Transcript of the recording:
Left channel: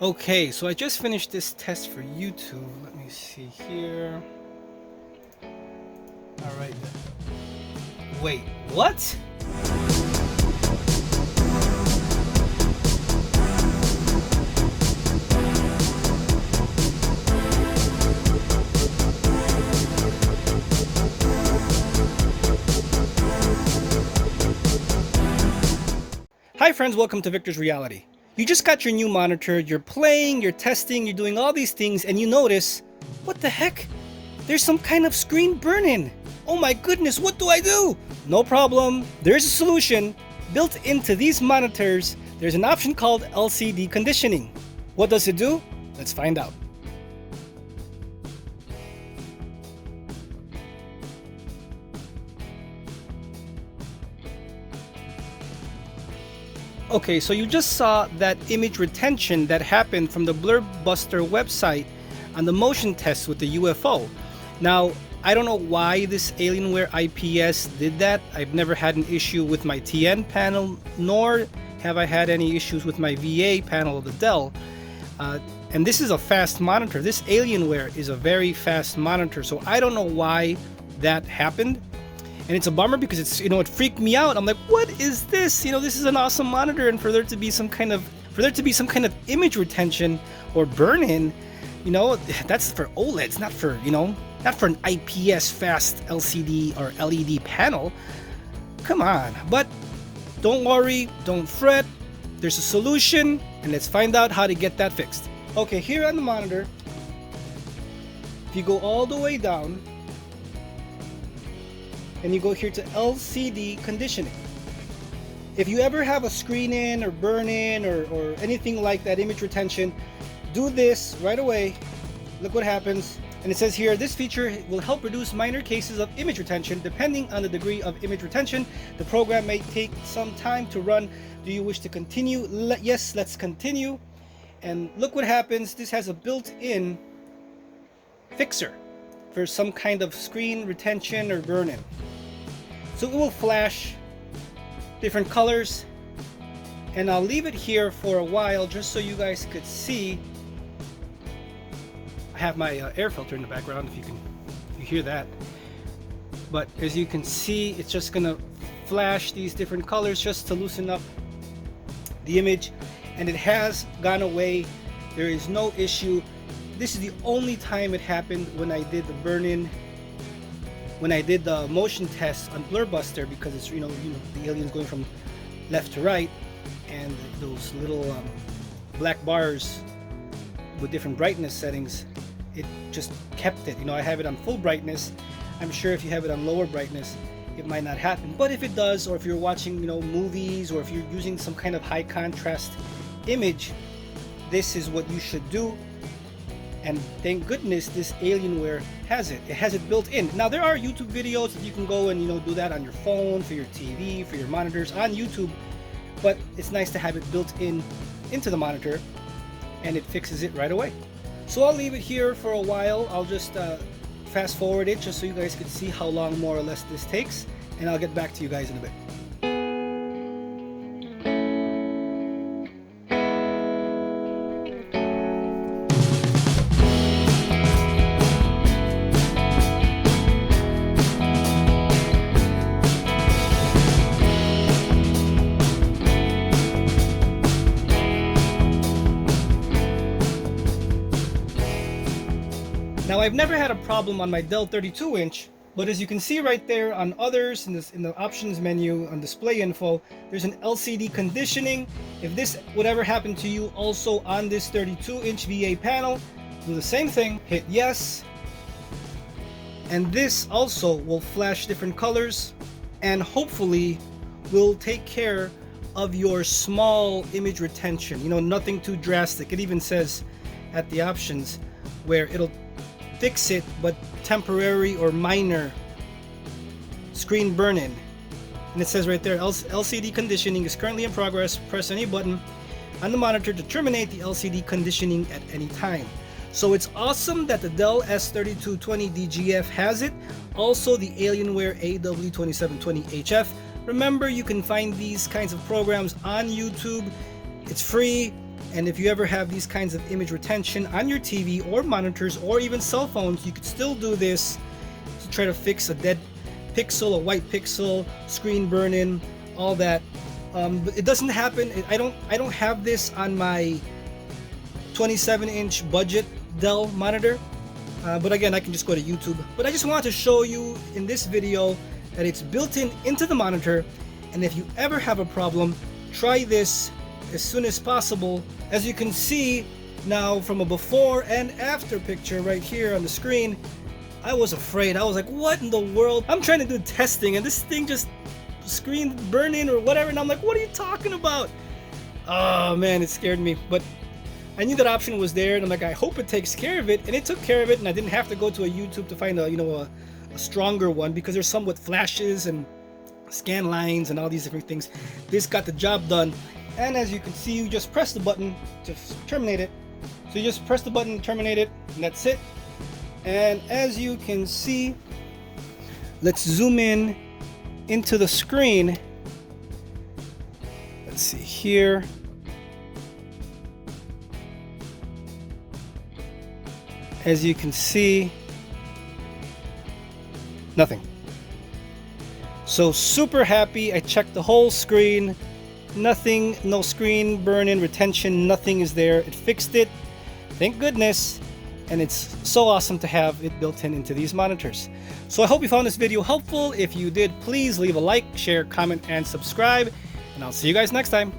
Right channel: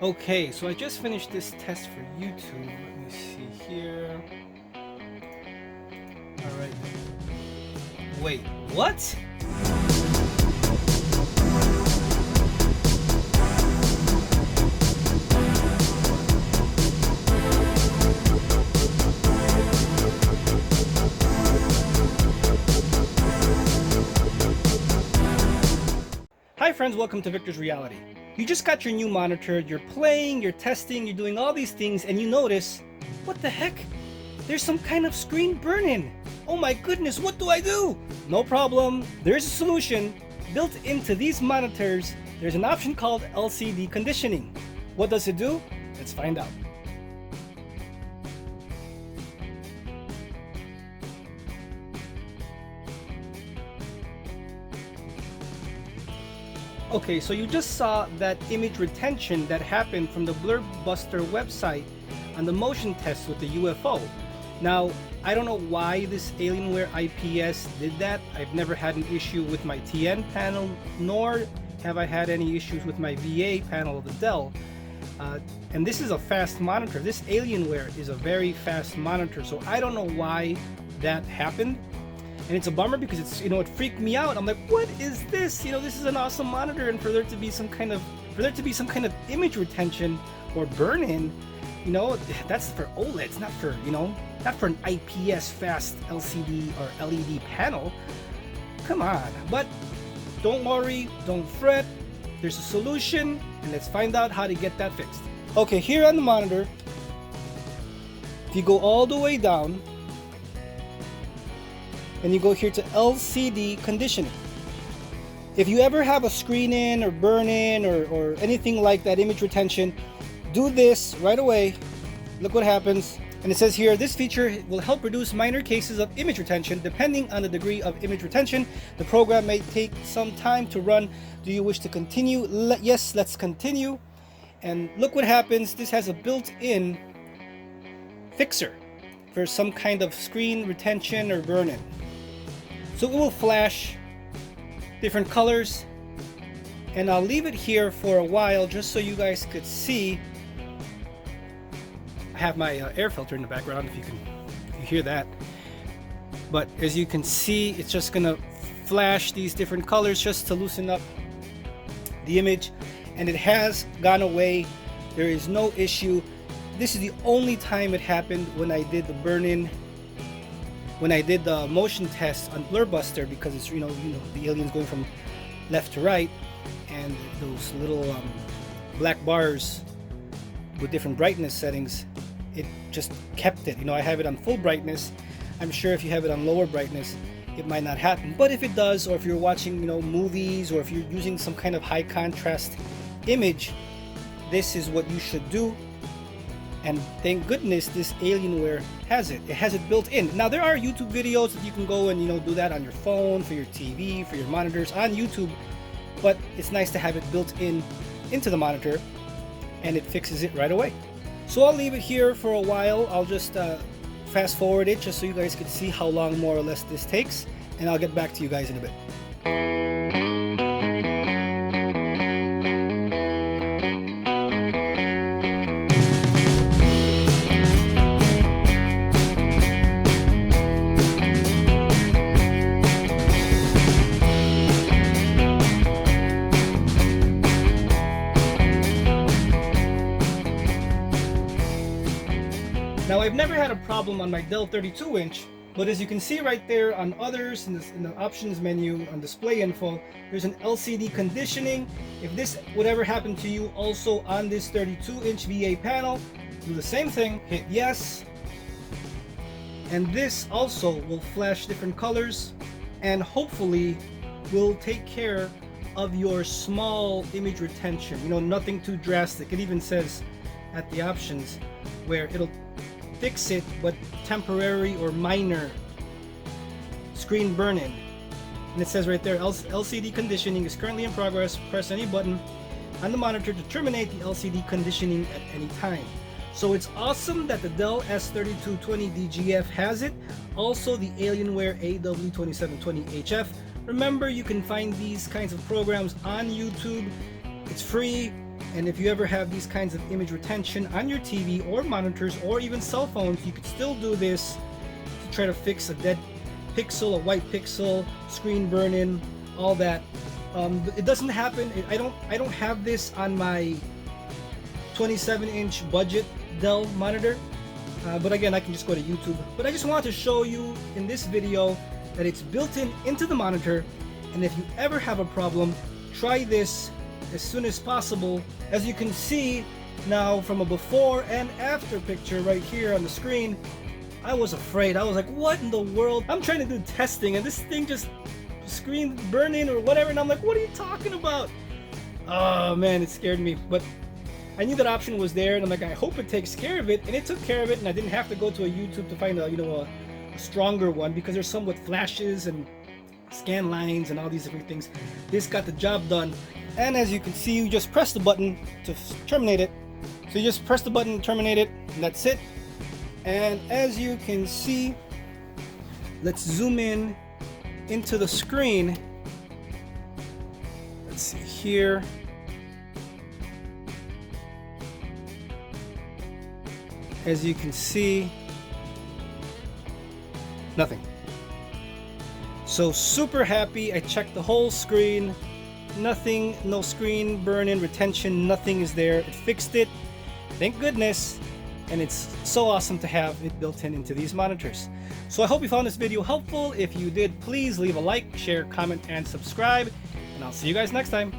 Okay, so I just finished this test for YouTube. Let me see here. Alright. Wait, what? Hi friends, welcome to Victor's Reality. You just got your new monitor, you're playing, you're testing, you're doing all these things, and you notice, what the heck? There's some kind of screen burn-in. Oh my goodness, what do I do? No problem, there's a solution. Built into these monitors, there's an option called LCD conditioning. What does it do? Let's find out. Okay, so you just saw that image retention that happened from the Blurbuster website on the motion test with the UFO. Now, I don't know why this Alienware IPS did that. I've never had an issue with my TN panel, nor have I had any issues with my VA panel of the Dell. And this is a fast monitor. This Alienware is a very fast monitor, so I don't know why that happened. And it's a bummer because it's, it freaked me out. I'm like, what is this? This is an awesome monitor, and for there to be some kind of image retention or burn-in, that's for OLEDs, not for an IPS fast LCD or LED panel. Come on. But don't worry, don't fret. There's a solution, and let's find out how to get that fixed. Okay, here on the monitor, if you go all the way down, and you go here to LCD conditioning. If you ever have a screen in or burn in or anything like that, image retention, do this right away. Look what happens. And it says here, this feature will help reduce minor cases of image retention. Depending on the degree of image retention, the program may take some time to run. Do you wish to continue? Yes, let's continue. And look what happens. This has a built-in fixer for some kind of screen retention or burn-in. So it will flash different colors, and I'll leave it here for a while just so you guys could see. I have my air filter in the background, if you hear that. But as you can see, it's just gonna flash these different colors just to loosen up the image, and it has gone away. There is no issue. This is the only time it happened when I did the burn-in, when I did the motion test on Blurbuster, because it's the aliens going from left to right, and those little black bars with different brightness settings, it just kept it. I have it on full brightness. I'm sure if you have it on lower brightness, it might not happen. But if it does, or if you're watching movies, or if you're using some kind of high contrast image, this is what you should do. And thank goodness this Alienware has it. It has it built in. Now there are YouTube videos that you can go and do that on your phone, for your TV, for your monitors on YouTube, but it's nice to have it built in into the monitor, and it fixes it right away. So I'll leave it here for a while. I'll just fast forward it just so you guys can see how long more or less this takes, and I'll get back to you guys in a bit. Now, I've never had a problem on my Dell 32-inch, but as you can see right there on others in the options menu on display info, there's an LCD conditioning. If this would ever happen to you also on this 32-inch VA panel, do the same thing, hit yes, and this also will flash different colors and hopefully will take care of your small image retention. Nothing too drastic. It even says at the options where it'll fix it, but temporary or minor screen burn-in. And it says right there, LCD conditioning is currently in progress. Press any button on the monitor to terminate the LCD conditioning at any time. So it's awesome that the Dell S3220DGF has it. Also the Alienware AW2720HF. Remember, you can find these kinds of programs on YouTube. It's free. And if you ever have these kinds of image retention on your TV or monitors or even cell phones, you could still do this to try to fix a dead pixel, a white pixel, screen burn-in, all that. It doesn't happen. I don't have this on my 27-inch budget Dell monitor, but again, I can just go to YouTube. But I just want to show you in this video that it's built into the monitor, and if you ever have a problem, try this as soon as possible. As you can see now from a before and after picture right here on the screen, I was afraid. I was like, what in the world? I'm trying to do testing and this thing just screen burning or whatever, and I'm like, what are you talking about? Oh man, it scared me. But I knew that option was there, and I'm like, I hope it takes care of it, and it took care of it, and I didn't have to go to a YouTube to find a stronger one, because there's some with flashes and scan lines and all these different things. This got the job done. And as you can see, you just press the button to terminate it. So you just press the button, terminate it, and that's it. And as you can see, let's zoom in into the screen. Let's see here. As you can see, nothing. So super happy. I checked the whole screen. Nothing, no screen burn-in, retention, nothing is there. It fixed it, thank goodness, and it's so awesome to have it built into these monitors. So I hope you found this video helpful. If you did, please leave a like, share, comment, and subscribe, and I'll see you guys next time.